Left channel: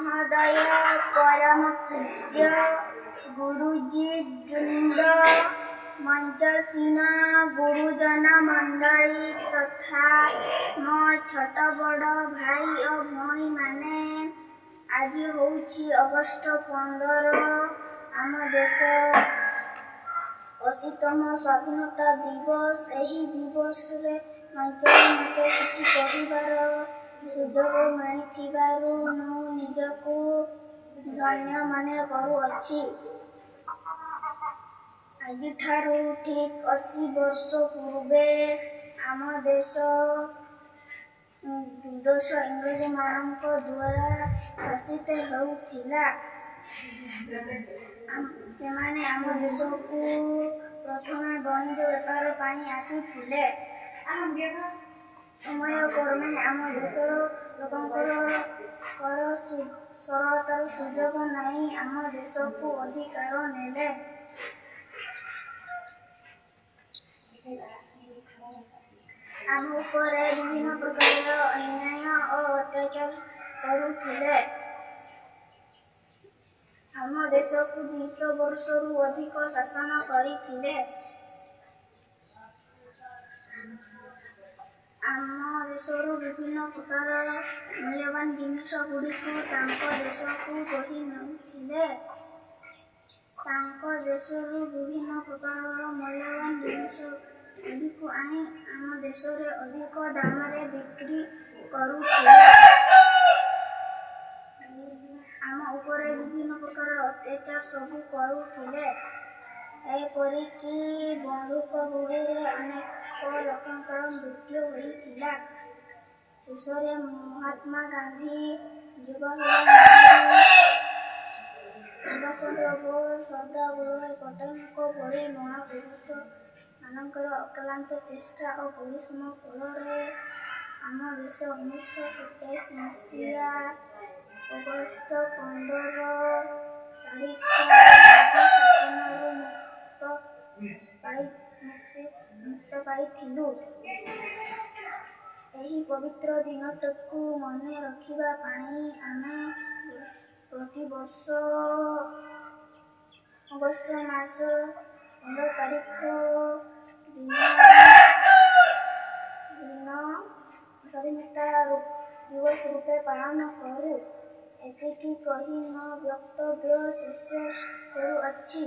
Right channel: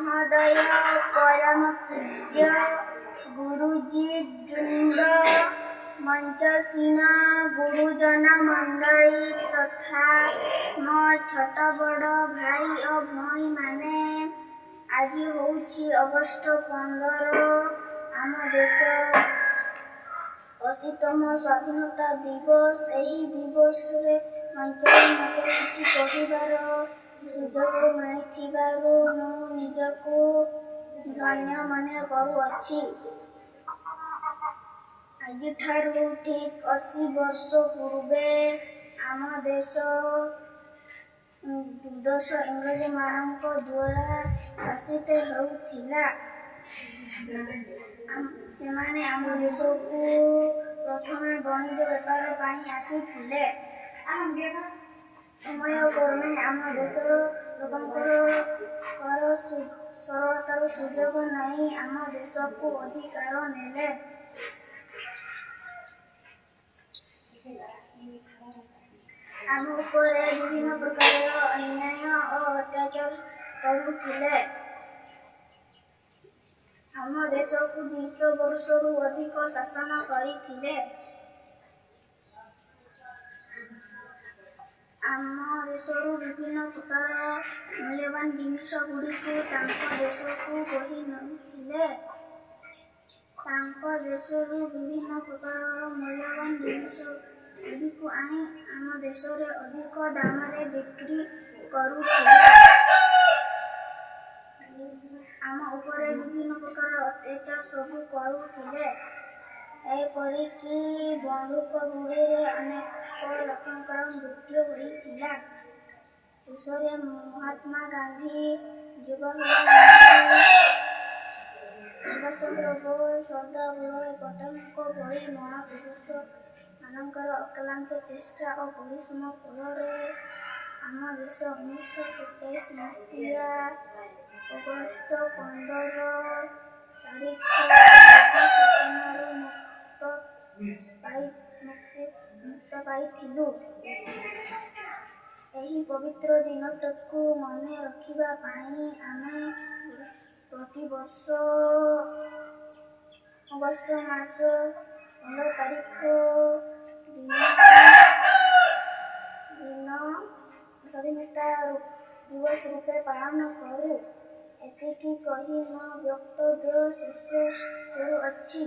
महोदय, परम पूज्य गुरुजी वृंद, मंचसीन गुरुजन मंडली तथा मो छोट बड़ भाई और भौणी माने, आज होउछि अगस्ट 15 आम देश 80तम स्वाधीनता दिवस। एही दिवस रे मंचरे मते किछि कहिबार सुजोग मिलिथिबारु मु निजकु धन्य मने करुअछि। आजिठारु ठीक 80 वर्ष पूर्वे आम देश दुर्दश इंग्रज मानक द्वारा शासित हेउथिला। सेमाने आम देशकु प्रथमे वाणिज्य व्यापार पाई आसीथिले। समय क्रमे आम देशर लोकंकर कर सरलतार सुजोग नहीं आम देशकु अधिकार नेले। आम उपरे विभिन्न प्रकार अन्याय और अत्याचार करुथिले। आम देशकु 200 वर्षरु अधिक शासन करिथिले। आम देशरु विभिन्न प्रकार मूल्यवान जिनिस गुड़िक तांको देशकु बही नेउथिले। तांको देशरु विभिन्न प्रकार मूल्यवान जिनिस गुड़िक आनी आम देशरे अधिक दामरे बिक्री करुथिले। आम उपरे विभिन्न प्रकार अत्याचार सबु करुथिले। एपरिकी बंधुक गुड़िरे अनेक लोकंकर मृत्यु होइथिला। शेषरे महात्मा गांधी, जवाहरलाल नेहरू, सुभाष चंद्र बोस, सरदार वल्लभ पटेलଙ୍କ भଳି महापुरुष मानकर अक्लांत चेष्टा और परिश्रम फलरे आम देश 1927 मसीहा अगस्ट 15 तारिख ब्रिटिश शासनରୁ मुक्त पाइथिलु। एही पवित्र दिनटकु मने रखिबा पाई आमे प्रति वर्ष अगस्ट मास 15 तारिख दिन स्वाधीनता दिवस रूपे पालन करू। एतिकी कही मो वक्तव्य शेष करुअछि।